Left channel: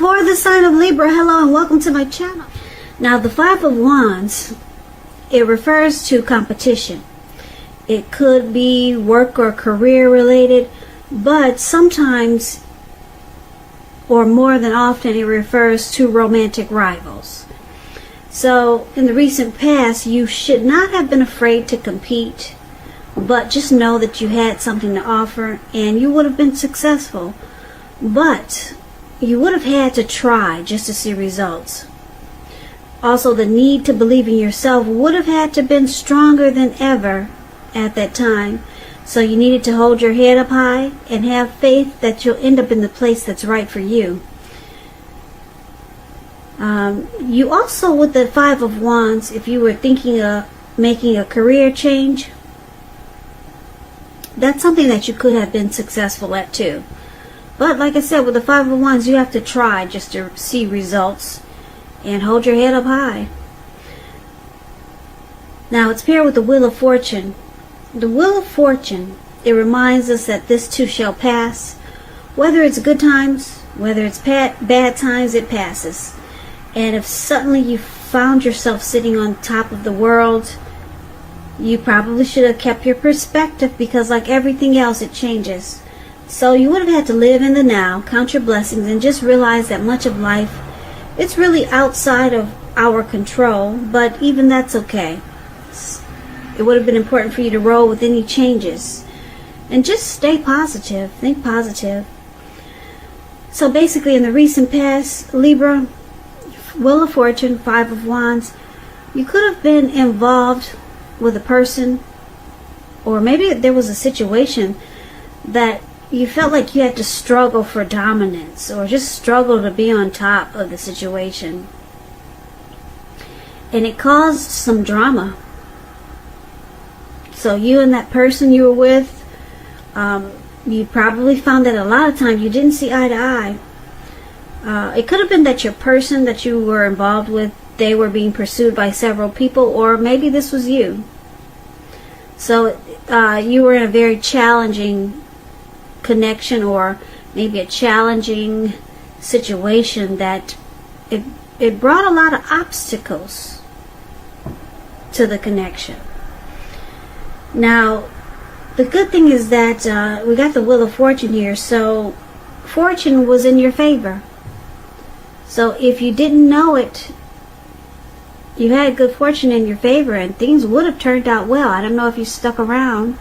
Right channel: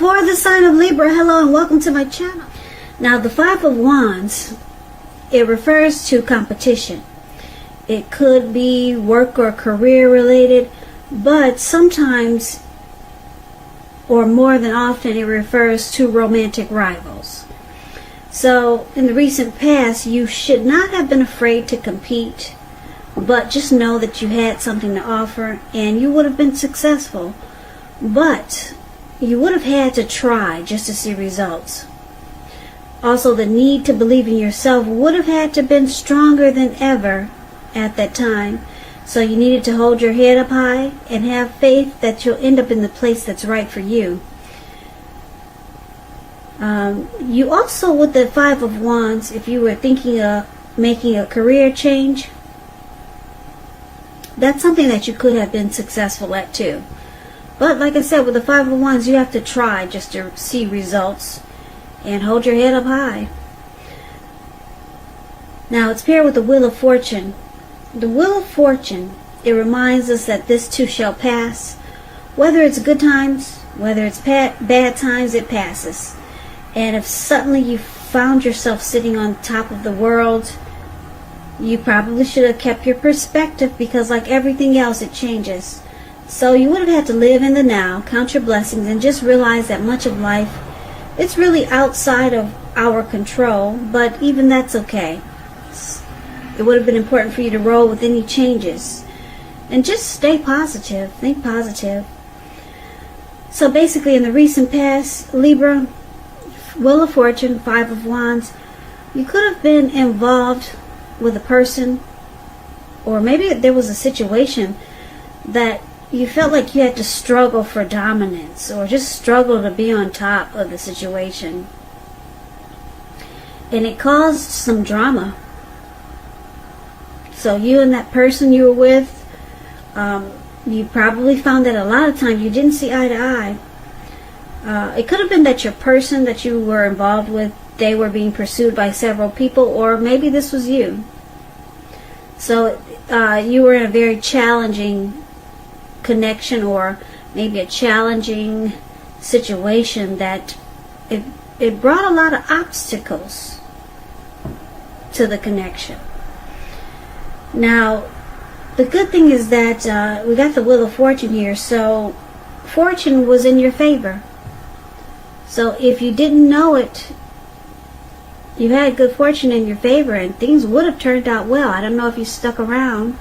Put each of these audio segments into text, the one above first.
For the sign of Libra, hello and welcome to my channel. Now the Five of Wands, it refers to competition. It could be work or career related, but sometimes, or more than often, it refers to romantic rivals. So in the recent past, you should not have been afraid to compete, but just know that you had something to offer and you would have been successful. But you would have had to try just to see results. Also, the need to believe in yourself would have had to been stronger than ever at that time. So you needed to hold your head up high and have faith that you'll end up in the place that's right for you. You also, with the Five of Wands, if you were thinking of making a career change, that's something that you could have been successful at too. But like I said, with the Five of Wands, you have to try just to see results and hold your head up high. Now it's paired with the Wheel of Fortune. The Wheel of Fortune, it reminds us that this too shall pass. Whether it's good times, whether it's bad times, it passes. And if suddenly you found yourself sitting on top of the world, you probably should have kept your perspective, because like everything else, it changes. So you would have had to live in the now, count your blessings, and just realize that much of life, it's really outside of our control, but even that's okay. It would have been important for you to roll with any changes. And just stay positive. Think positive. So basically, in the recent past, Libra, Wheel of Fortune, Five of Wands, you could have been involved with a person, or maybe there was a situation that you felt like you had to struggle for dominance, or just struggle to be on top of the situation. And it caused some drama. So you and that person you were with, you probably found that a lot of times you didn't see eye to eye. It could have been that your person that you were involved with, they were being pursued by several people, or maybe this was you. So you were in a very challenging connection, or maybe a challenging situation that it brought a lot of obstacles to the connection. Now, the good thing is that we got the Wheel of Fortune here, so fortune was in your favor. So if you didn't know it, you had good fortune in your favor, and things would have turned out well. I don't know if you stuck around,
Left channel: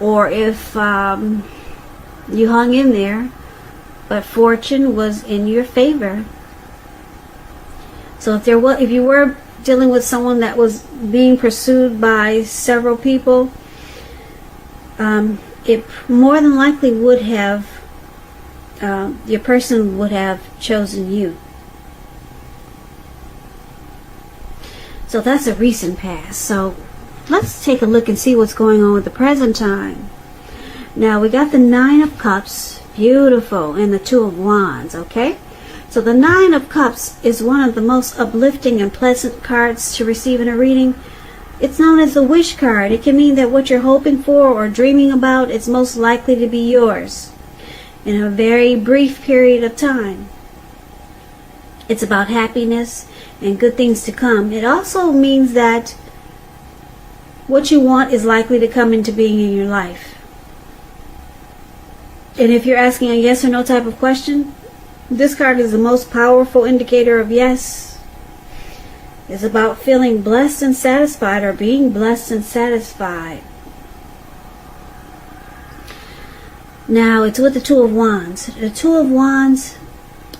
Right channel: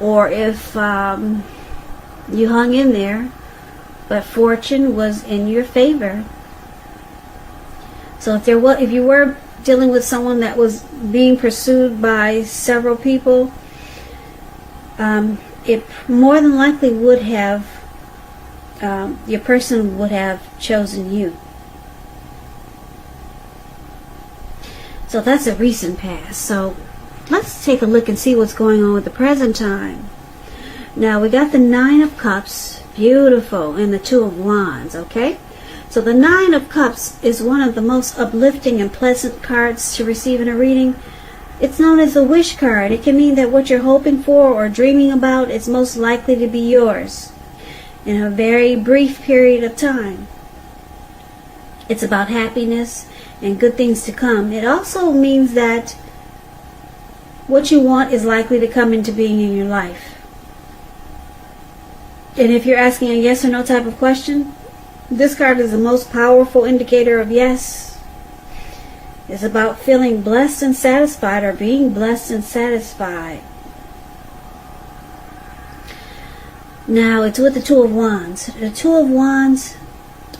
or if you hung in there. That fortune was in your favor. So if you were dealing with someone that was being pursued by several people, it more than likely would have, your person would have chosen you. So that's a recent past. So let's take a look and see what's going on with the present time. Now we got the Nine of Cups, beautiful, and the Two of Wands, okay? So the Nine of Cups is one of the most uplifting and pleasant cards to receive in a reading. It's known as a wish card. It can mean that what you're hoping for or dreaming about is most likely to be yours in a very brief period of time. It's about happiness and good things to come. It also means that what you want is likely to come into being in your life. And if you're asking a yes or no type of question, this card is the most powerful indicator of yes. It's about feeling blessed and satisfied, or being blessed and satisfied. Now it's with the Two of Wands. The Two of Wands,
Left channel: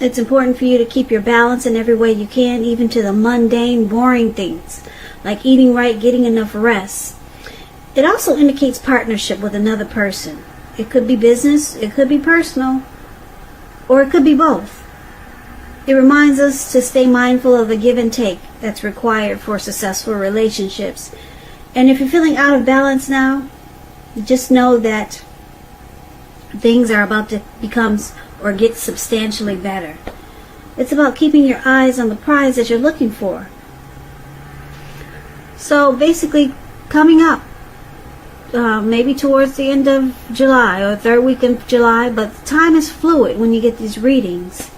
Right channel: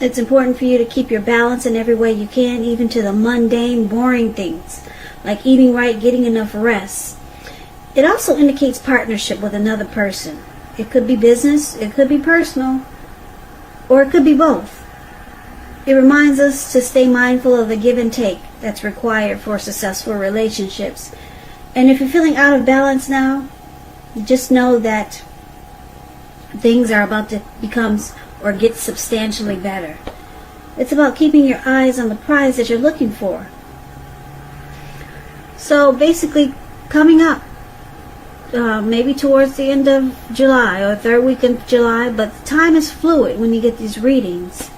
it's important for you to keep your balance in every way you can, even to the mundane, boring things, like eating right, getting enough rest. It also indicates partnership with another person. It could be business, it could be personal, or it could be both. It reminds us to stay mindful of the give and take that's required for successful relationships. And if you're feeling out of balance now, just know that things are about to become or get substantially better. It's about keeping your eyes on the prize that you're looking for. So basically, coming up, maybe towards the end of July or third week of July, but time is fluid when you get these readings.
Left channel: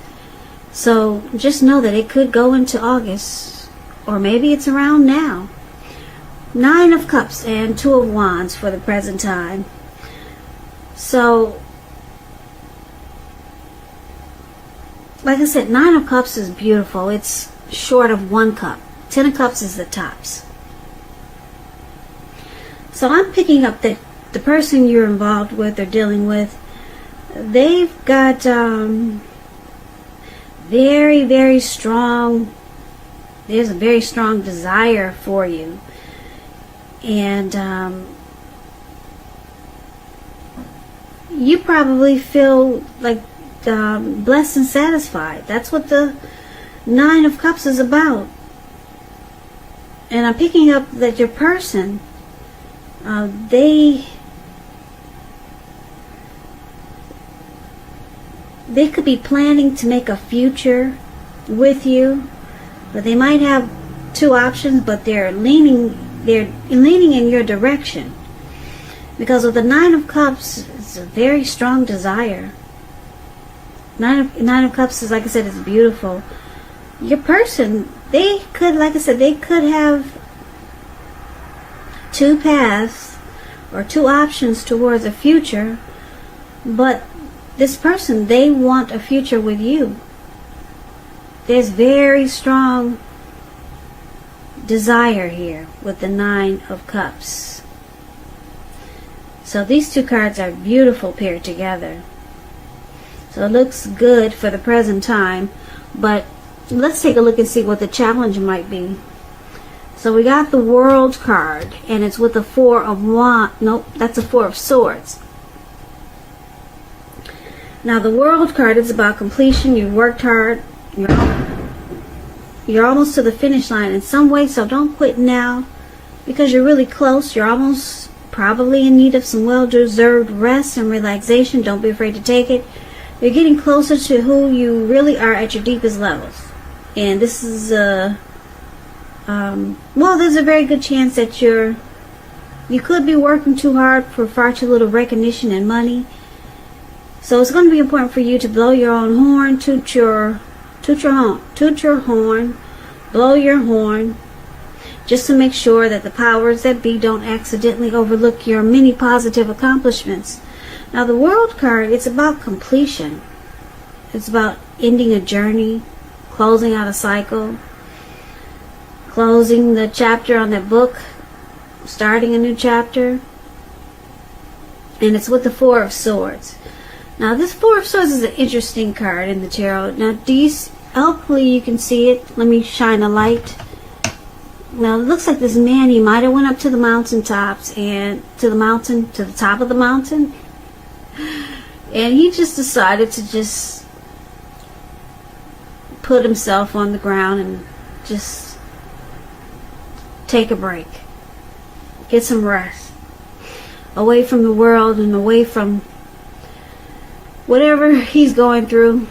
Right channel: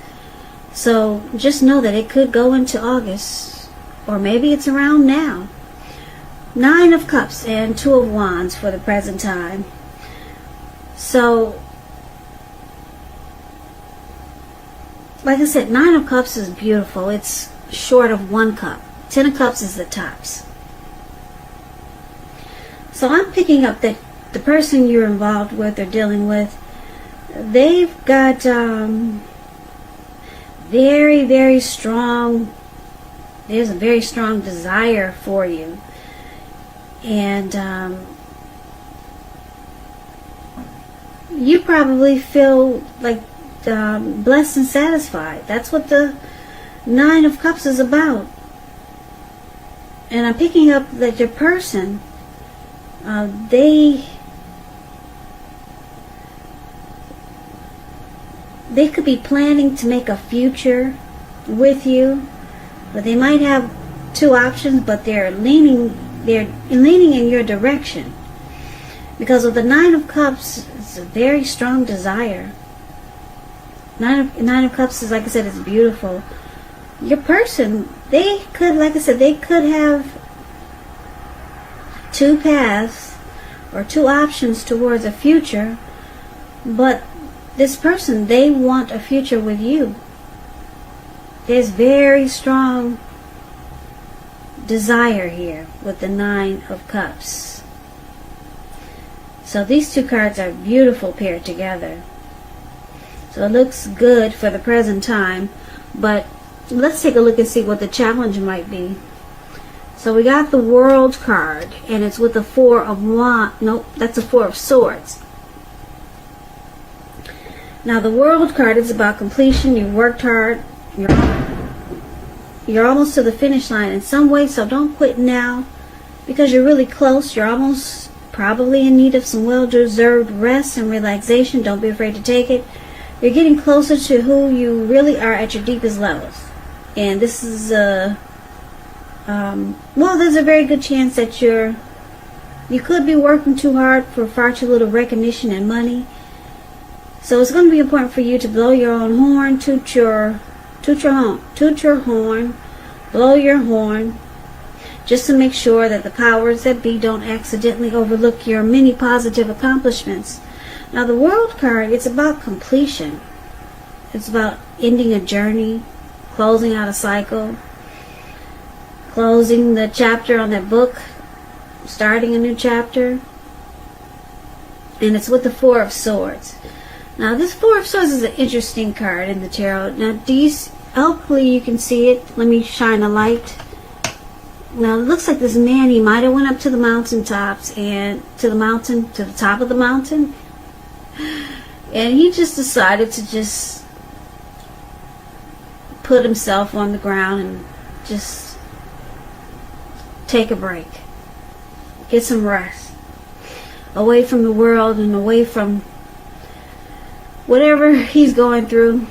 So just know that it could go into August, or maybe it's around now. 9 of Cups and 2 of Wands for the present time. So, like I said, 9 of Cups is beautiful. It's short of 1 cup. 10 of Cups is the tops. So I'm picking up that the person you're involved with or dealing with, they've got very, very strong, there's a very strong desire for you. And you probably feel like blessed and satisfied. That's what the 9 of Cups is about. And I'm picking up that your person, they could be planning to make a future with you, but they might have 2 options, but they're leaning in your direction. Because of the 9 of Cups, it's a very strong desire. 9 of Cups is, like I said, it's beautiful. Your person, they could, like I said, they could have 2 paths or 2 options towards a future, but this person, they want a future with you. There's very strong desire here with the 9 of Cups. So these 2 cards are beautiful paired together. So it looks good for the present time, but let's take a look and see what the challenge might be. So we got the World card, and it's with the 4 of Wands. Nope, that's a 4 of Swords. Now the World card is about completion. You worked hard. You're almost to the finish line in some way, so don't quit now because you're really close. You're almost probably in need of some well-deserved rest and relaxation. Don't be afraid to take it. You're getting closer to who you really are at your deepest levels. And this is well, there's a very good chance that you could be working too hard for far too little recognition and money. So it's going to be important for you to blow your own horn, toot your horn, blow your horn, just to make sure that the powers that be don't accidentally overlook your many positive accomplishments. Now the World card, it's about completion. It's about ending a journey, closing out a cycle, closing the chapter on that book, starting a new chapter. And it's with the 4 of Swords. Now this 4 of Swords is an interesting card in the tarot. Now hopefully you can see it. Let me shine a light. Well, it looks like this man, he might have went up to the mountaintops and to the top of the mountain. And he just decided to just put himself on the ground and just take a break. Get some rest. Away from the world and away from whatever he's going through.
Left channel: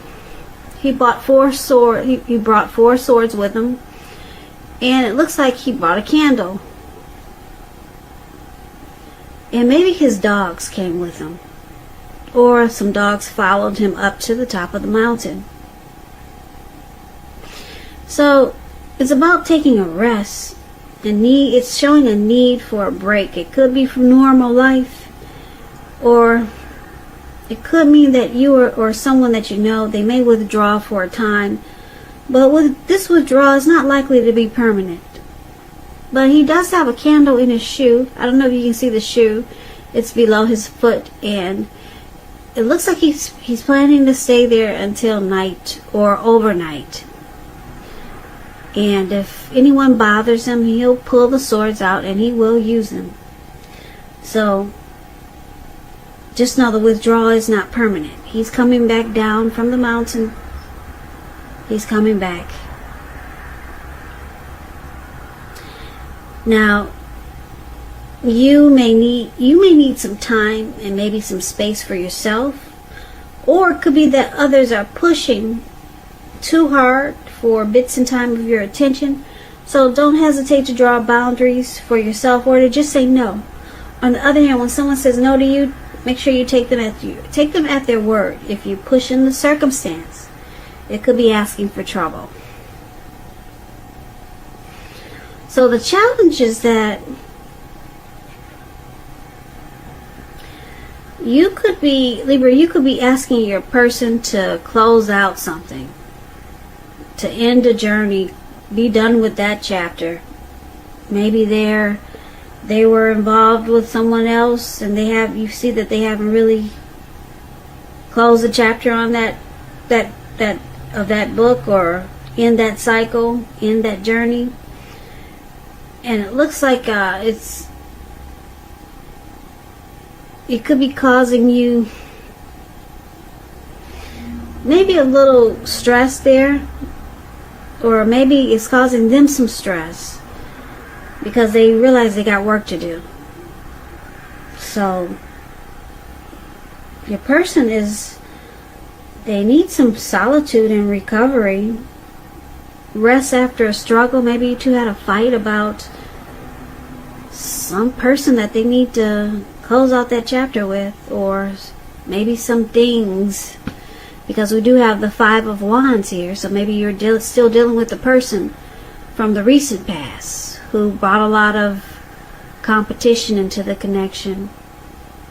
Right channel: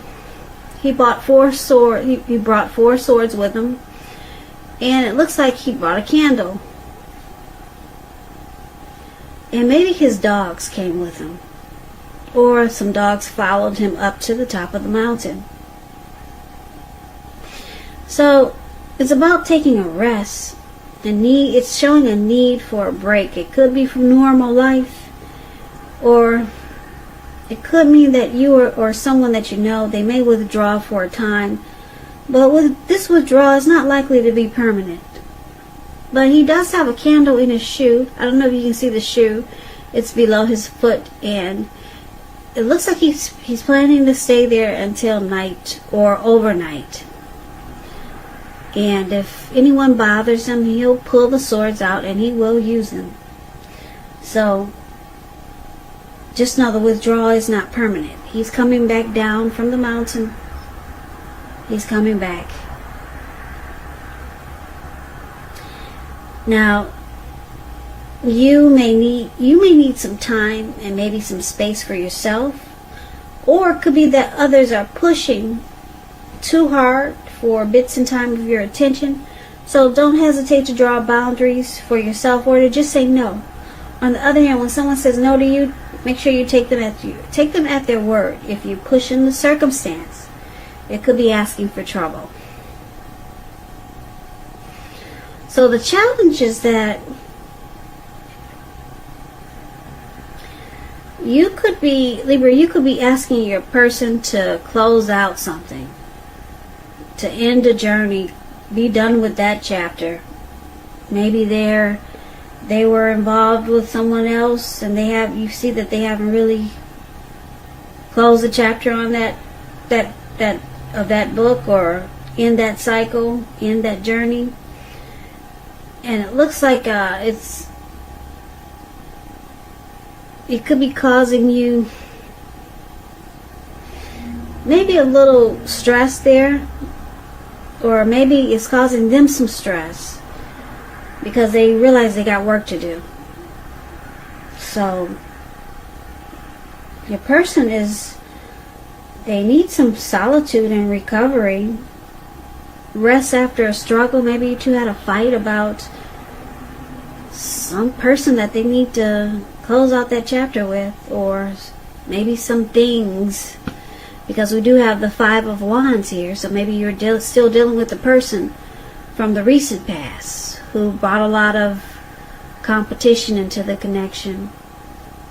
He brought 4 swords. He brought 4 swords with him. And it looks like he brought a candle. And maybe his dogs came with him. Or some dogs followed him up to the top of the mountain. So it's about taking a rest. It's showing a need for a break. It could be from normal life, or it could mean that you or someone that you know, they may withdraw for a time. But with this withdrawal, it's not likely to be permanent. But he does have a candle in his shoe. I don't know if you can see the shoe. It's below his foot, and it looks like he's planning to stay there until night or overnight. And if anyone bothers him, he'll pull the swords out and he will use them. So just know the withdrawal is not permanent. He's coming back down from the mountain. He's coming back. Now, you may need some time and maybe some space for yourself, or it could be that others are pushing too hard for bits and time of your attention. So don't hesitate to draw boundaries for yourself, or to just say no. On the other hand, when someone says no to you, make sure you take them at their word. If you push in the circumstance, It could be asking for trouble. So the challenge is that you could be, Libra, you could be asking your person to close out something, to end a journey, be done with that chapter. Maybe they were involved with someone else, and you see that they haven't really closed the chapter on that book, or in that cycle, in that journey. And it looks like it could be causing you maybe a little stress there, or maybe it's causing them some stress because they realize they got work to do. So your person they need some solitude and recovery, rest after a struggle. Maybe you two had a fight about some person that they need to close out that chapter with, or maybe some things, because we do have the Five of Wands here. So maybe you're still dealing with the person from the recent past who brought a lot of competition into the connection.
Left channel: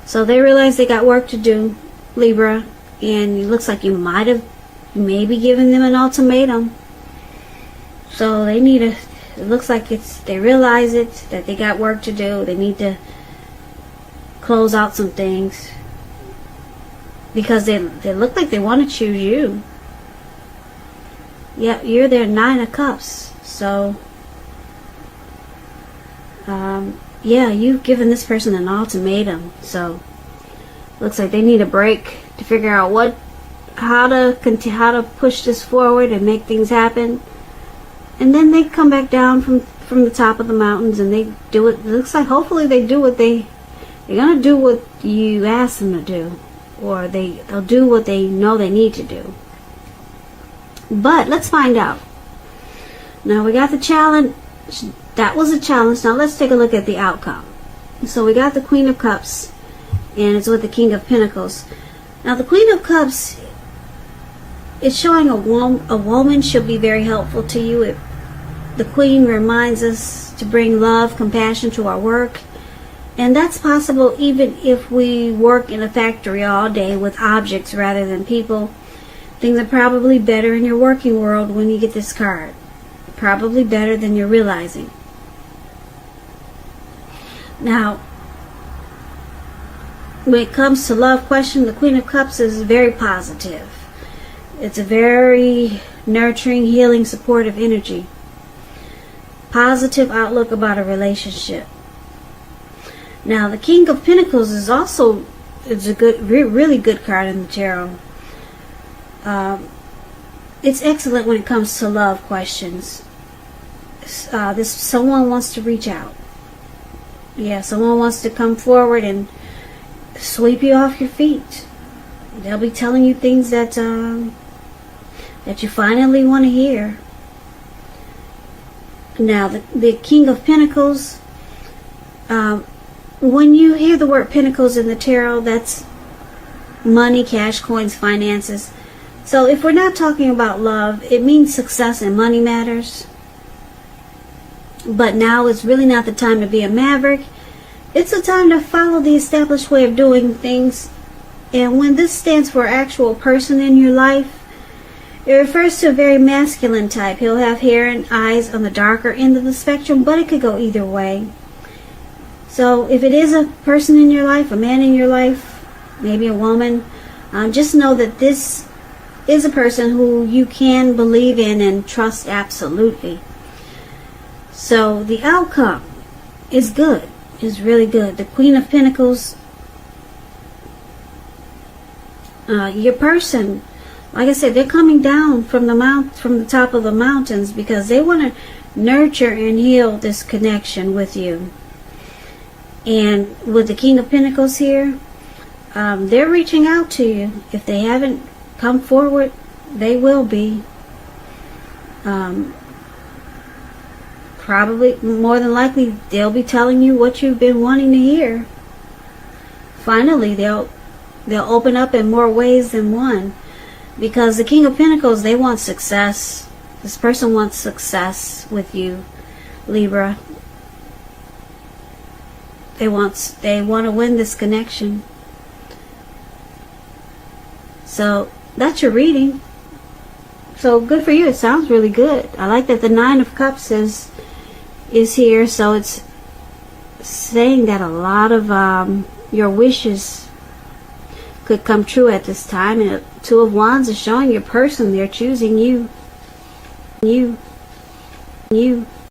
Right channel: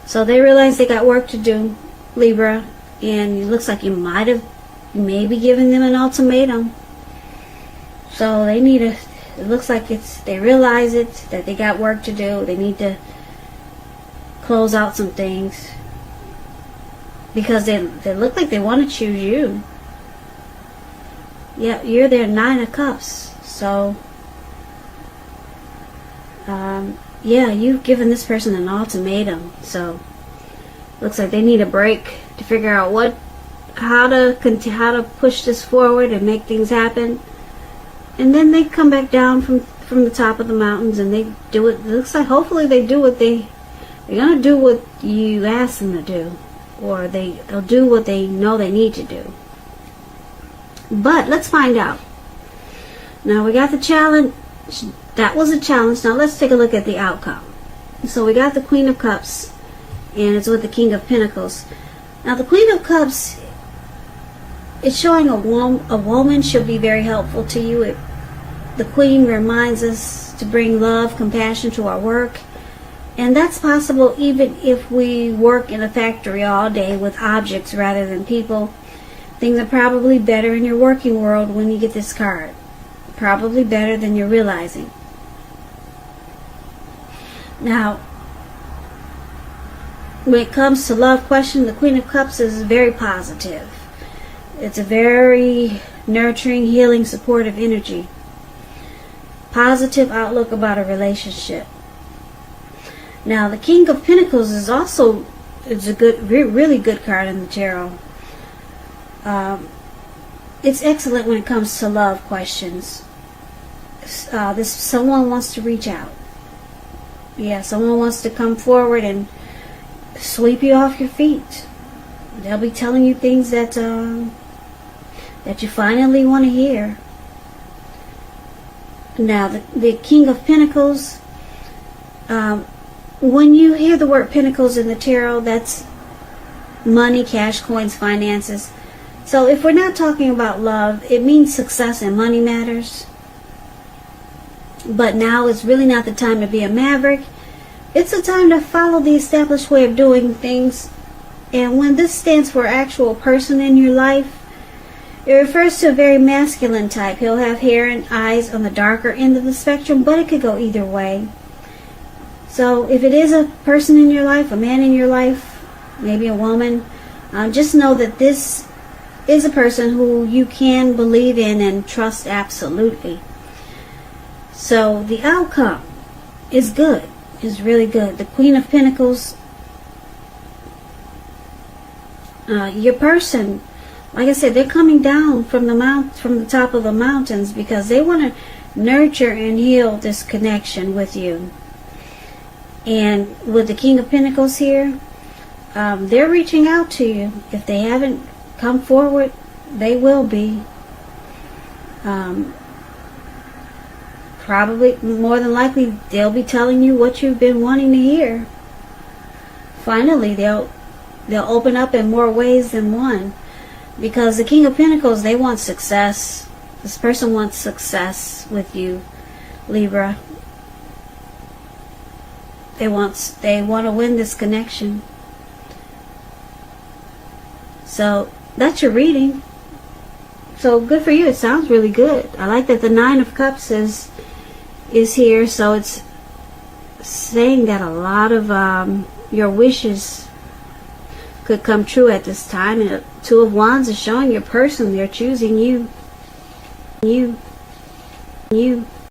So they realize they got work to do, Libra, and it looks like you may be giving them an ultimatum. So they it looks like they realize that they got work to do. They need to close out some things because they look like they want to choose you. Yeah, you're their Nine of Cups. So, yeah, you've given this person an ultimatum. So, looks like they need a break to figure out how to push this forward and make things happen. And then they come back down from the top of the mountains and they do it. It looks like hopefully they do what they're gonna do what you ask them to do, or they'll do what they know they need to do. But let's find out. Now we got the challenge. That was a challenge. Now let's take a look at the outcome. So we got the Queen of Cups, and it's with the King of Pentacles. Now the Queen of Cups, it's showing a woman should be very helpful to you. The Queen reminds us to bring love, compassion to our work. And that's possible even if we work in a factory all day with objects rather than people. Things are probably better in your working world when you get this card. Probably better than you're realizing. Now, when it comes to love question, the Queen of Cups is very positive. It's a very nurturing, healing, supportive energy. Positive outlook about a relationship. Now, the King of Pentacles is also a good, really good card in the tarot. It's excellent when it comes to love questions. Someone wants to reach out. Yeah, someone wants to come forward and sweep you off your feet. They'll be telling you things that you finally want to hear. Now, the King of Pentacles, when you hear the word Pentacles in the tarot, that's money, cash, coins, finances. So if we're not talking about love, it means success and money matters. But now is really not the time to be a maverick. It's a time to follow the established way of doing things. And when this stands for actual person in your life, it refers to a very masculine type. He'll have hair and eyes on the darker end of the spectrum, but it could go either way. So if it is a person in your life, a man in your life, maybe a woman, just know that this is a person who you can believe in and trust absolutely. So the outcome is good. It's really good. The Queen of Pentacles, your person, like I said, they're coming down from the top of the mountains because they want to nurture and heal this connection with you. And with the King of Pentacles here, they're reaching out to you. If they haven't come forward, they will be. Probably, more than likely, they'll be telling you what you've been wanting to hear. Finally, they'll open up in more ways than one. Because the King of Pentacles, they want success. This person wants success with you, Libra. They want to win this connection. So that's your reading. So good for you. It sounds really good. I like that the Nine of Cups is here. So it's saying that a lot of your wishes could come true at this time. And the Two of Wands is showing your person. They're choosing you. You.